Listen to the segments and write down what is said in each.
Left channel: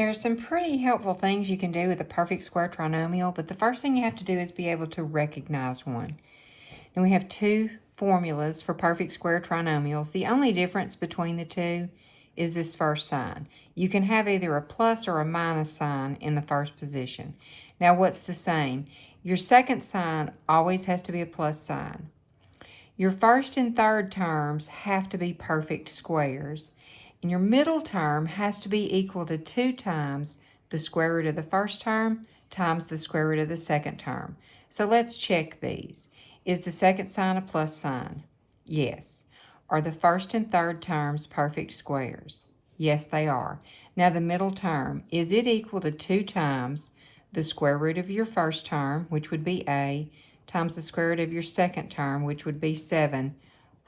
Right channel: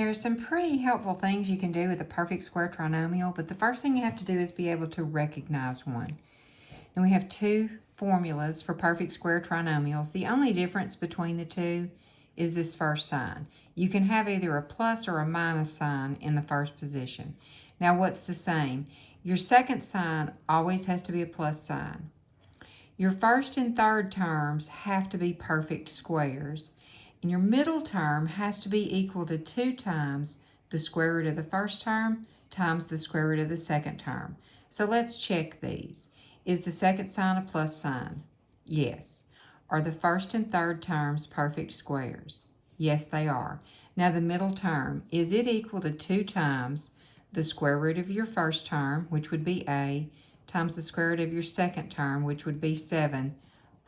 There are some pretty helpful things you can do with a perfect square trinomial, but the first thing you have to do is be able to recognize one. And we have two formulas for perfect square trinomials. The only difference between the two is this first sign. You can have either a plus or a minus sign in the first position. Now what's the same? Your second sign always has to be a plus sign. Your first and third terms have to be perfect squares. And your middle term has to be equal to 2 times the square root of the first term times the square root of the second term. So let's check these. Is the second sign a plus sign? Yes. Are the first and third terms perfect squares? Yes, they are. Now the middle term, is it equal to 2 times the square root of your first term, which would be a, times the square root of your second term, which would be 7,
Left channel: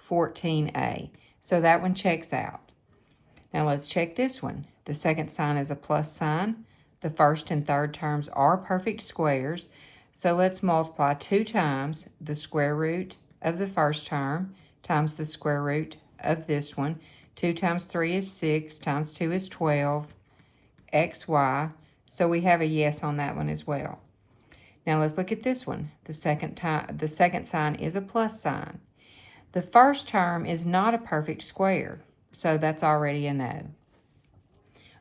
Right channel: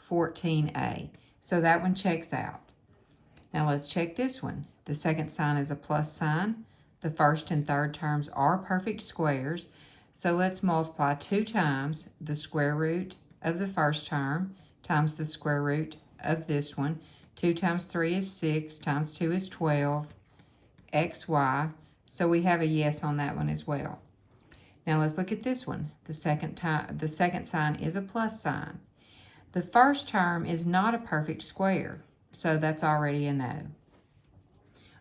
14a. So that one checks out. Now let's check this one. The second sign is a plus sign. The first and third terms are perfect squares. So let's multiply 2 times the square root of the first term times the square root of this one. 2 times 3 is 6, times 2 is 12, xy. So we have a yes on that one as well. Now let's look at this one. The second sign is a plus sign. The first term is not a perfect square, so that's already a no.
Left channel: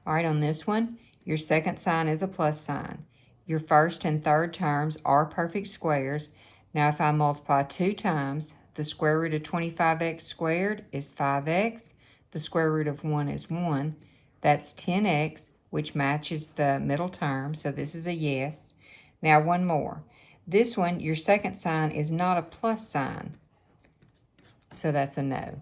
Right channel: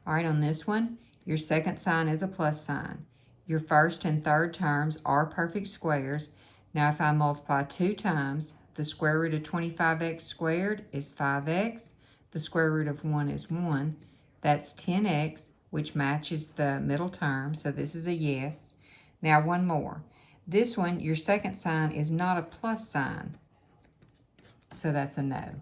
All right, on this one, your second sign is a plus sign. Your first and third terms are perfect squares. Now if I multiply 2 times, the square root of 25x squared is 5x. The square root of 1 is 1. That's 10x, which matches the middle term, so this is a yes. Now one more. This one, your second sign is not a plus sign, so that's a no.